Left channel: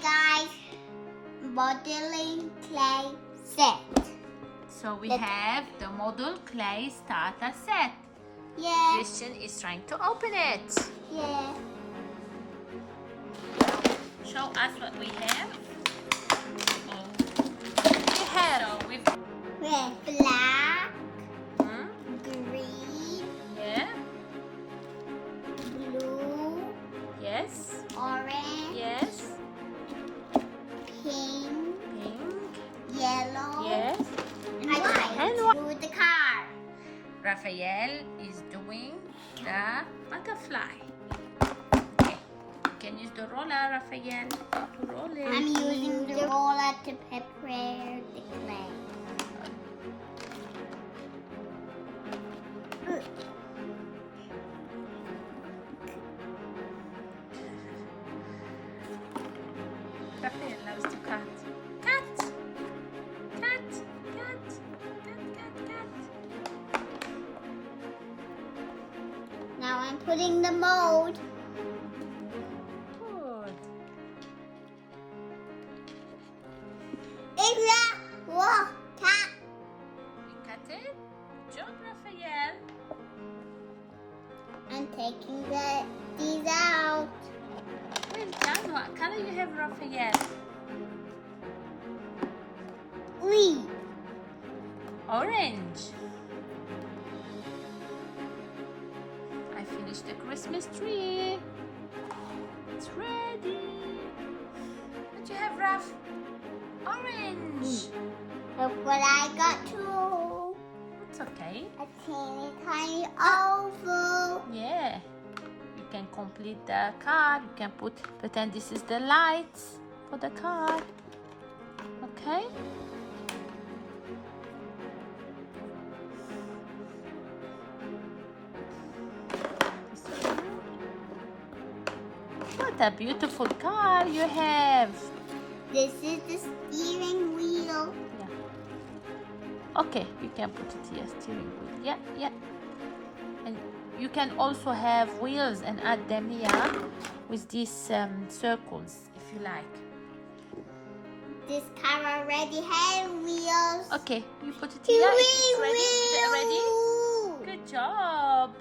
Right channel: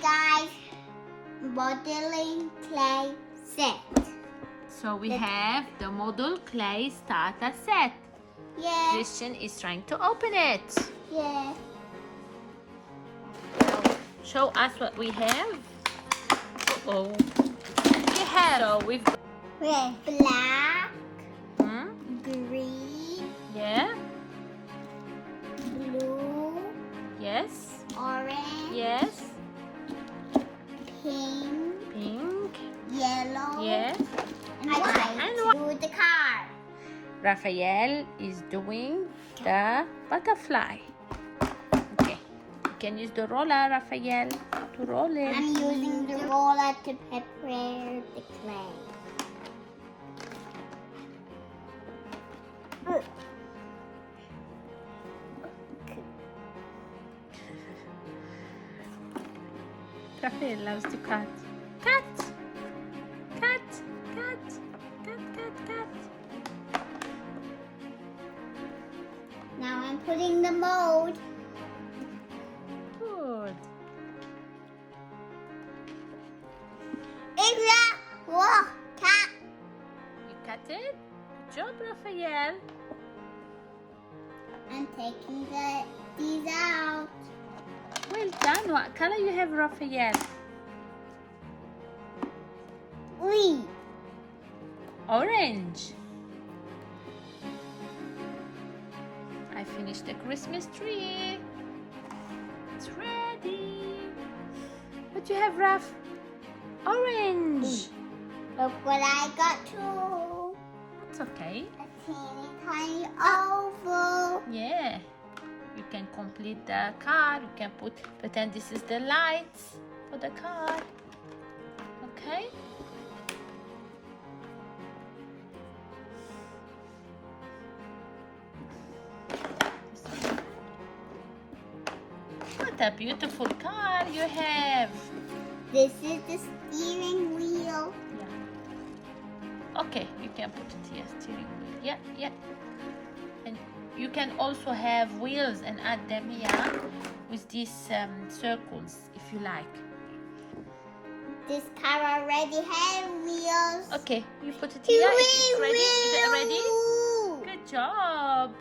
guys, modeling clay set. So we have the model clay starter set. Yeah. Christian is trying to open it. Yeah. Now, show us what we have. Uh-oh. We have. So we've Red, black, hmm? green, Yeah. blue, Yes. orange, Yes. pink, Pink. yellow, Yes. and white. And white. Do the car. Raphael is doing the butterfly. Okay. You can use the roller, Raphael, to roll it. I'm using the roller to prepare the clay. Raphael loves to cut. Cut! Cut! Cut! Cut! Cut! Cut! Now I'm putting the mold. Good. Whoa, cat. You cut it? Good job, Raphael. I'm taking these out. Well done. What color you have, Raphael? Oui. Orange. I finished the Christmas tree. It's ready. What you have, Raph? Orange. Look what I got too. That's okay. A teeny tiny oval. Yeah. You can complete the card. You can pretend this is the lights for the card. Okay? What a beautiful car you have. This is the steering wheel. Okay, you can put it here, steering wheel. Yeah, yeah. And you can also have wheels and add them here with these circles if you like. This car already has wheels. Okay, you put it here if it's ready. Is it ready? Good job.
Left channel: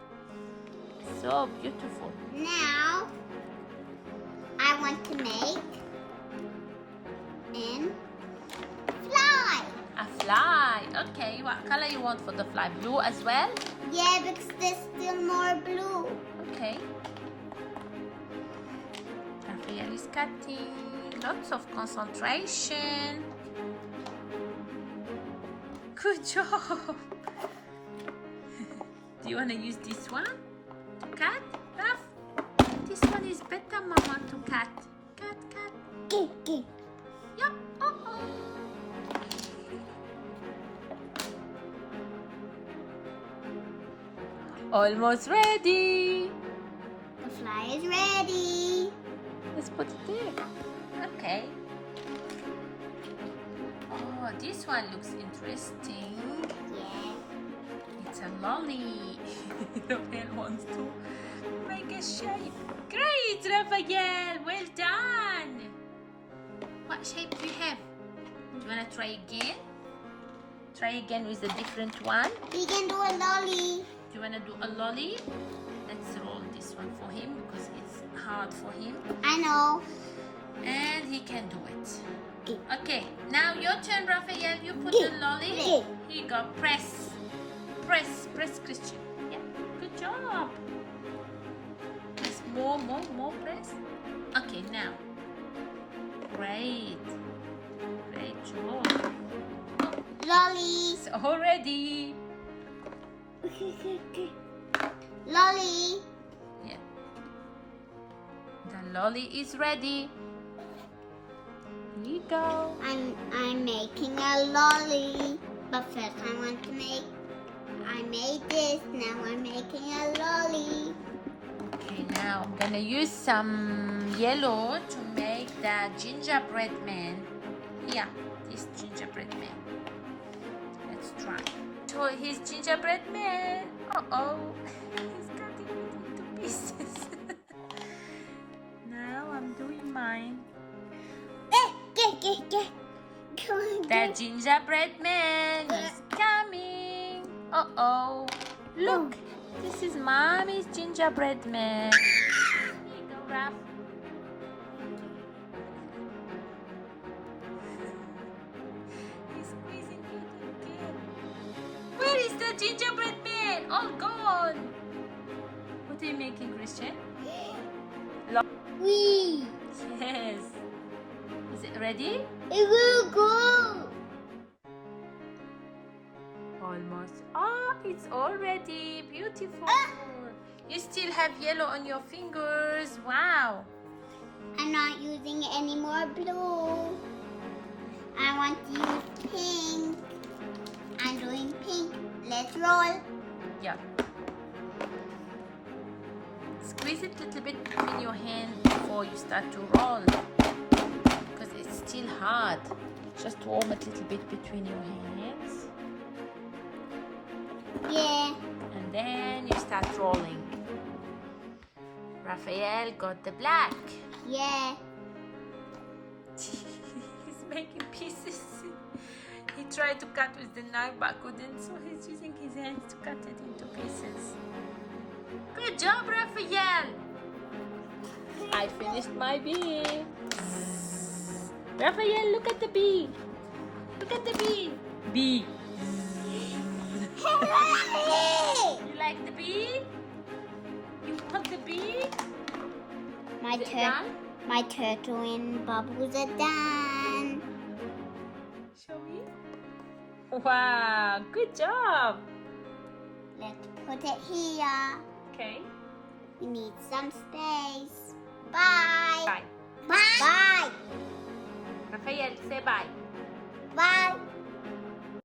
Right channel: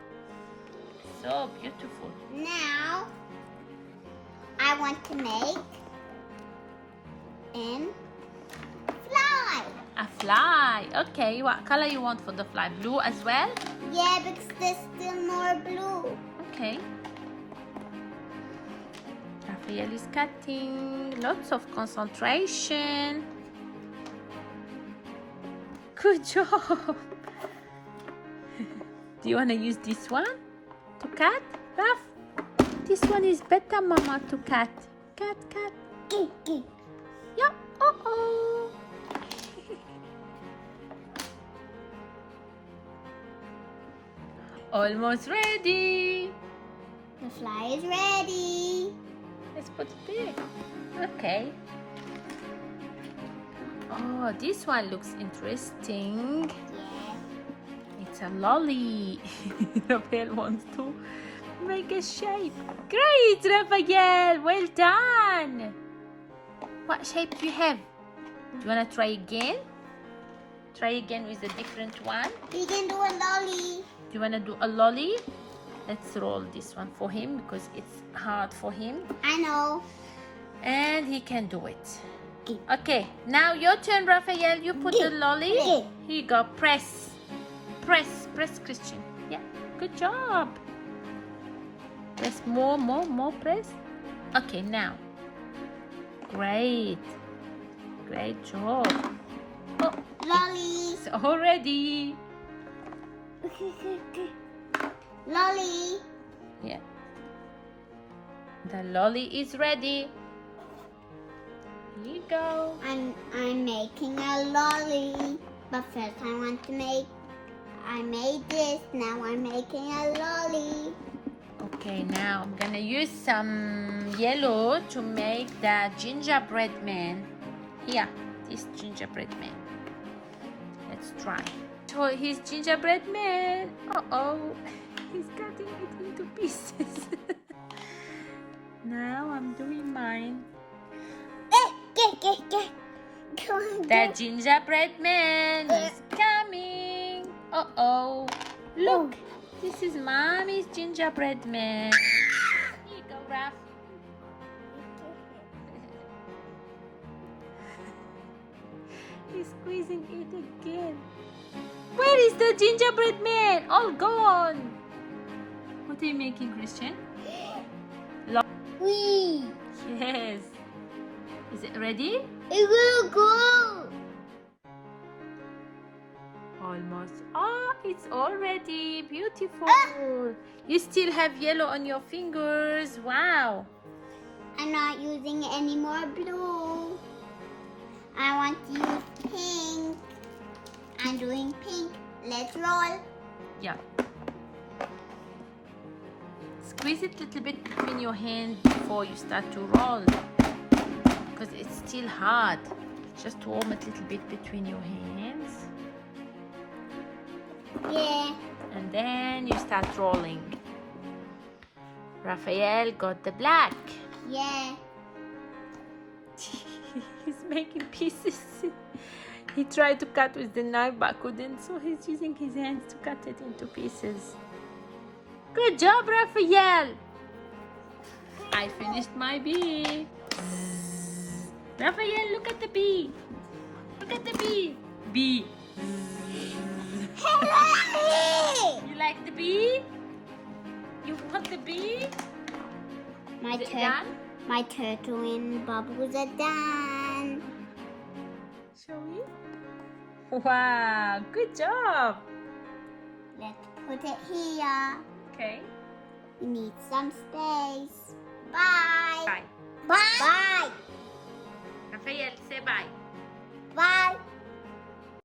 So beautiful. Now, I want to make an fly. A fly. Okay, what color you want for the fly? Blue as well? Yeah, because there's still more blue. Okay. Raphael is cutting. Lots of concentration. Good job. Do you want to use this one to cut, Raph? This one is better, Mama, to cut. Cut, cut. Yeah. Uh-oh. Almost ready. The fly is ready. Let's put it there. Okay. Oh, this one looks interesting. Yeah. It's a lolly. Raphael wants to make a shape. Great, Raphael. Well done. What shape do you have? Do you want to try again? Try again with a different one. We can do a lolly. Do you want to do a lolly? Let's roll this one for him because it's hard for him. I know. And he can do it. Okay, now your turn, Raphael. You put the lolly. Here you go. Press. Press. Press, Christian. Yeah, good job. Press more. Press. Okay, now. Great. Great job. Oh, Lolly. it's all ready. Lolly. Yeah. The lolly is ready. Here you go. I'm making a lolly. But first I made this. Now I'm making a lolly. Okay, now I'm gonna use some yellow to make the gingerbread man. Here, this gingerbread man. Let's try. So his gingerbread man. Uh-oh, he's cutting it into pieces. Now I'm doing mine. The gingerbread man is coming. Uh-oh. Look, this is Mommy's gingerbread man. Here you go, Raph. He's squeezing it again. Where is the gingerbread man? All gone. What are you making, Christian? Wee. Yes. Is it ready? It will go. Almost. Oh, it's all ready. Beautiful. You still have yellow on your fingers. Wow. I'm not using any more blue. I want to use pink. I'm doing pink. Let's roll. Yeah. Squeeze it a little bit between your hands before you start to roll. Because it's still hard. Just warm it a little bit between your hands. Yeah. And then you start rolling. Raphael got the black. Yeah. He's making pieces. He tried to cut with the knife but couldn't, so he's using his hands to cut it into pieces. Good job, Raphael! I finished my bee. Raphael, look at the bee. Look at the bee. Bee. You like the bee? You want the bee? My turtle and bubbles are done. Show me. Wow, good job. Let's put it here. Okay. We need some space. Bye. Bye. Bye. Raphael, say bye.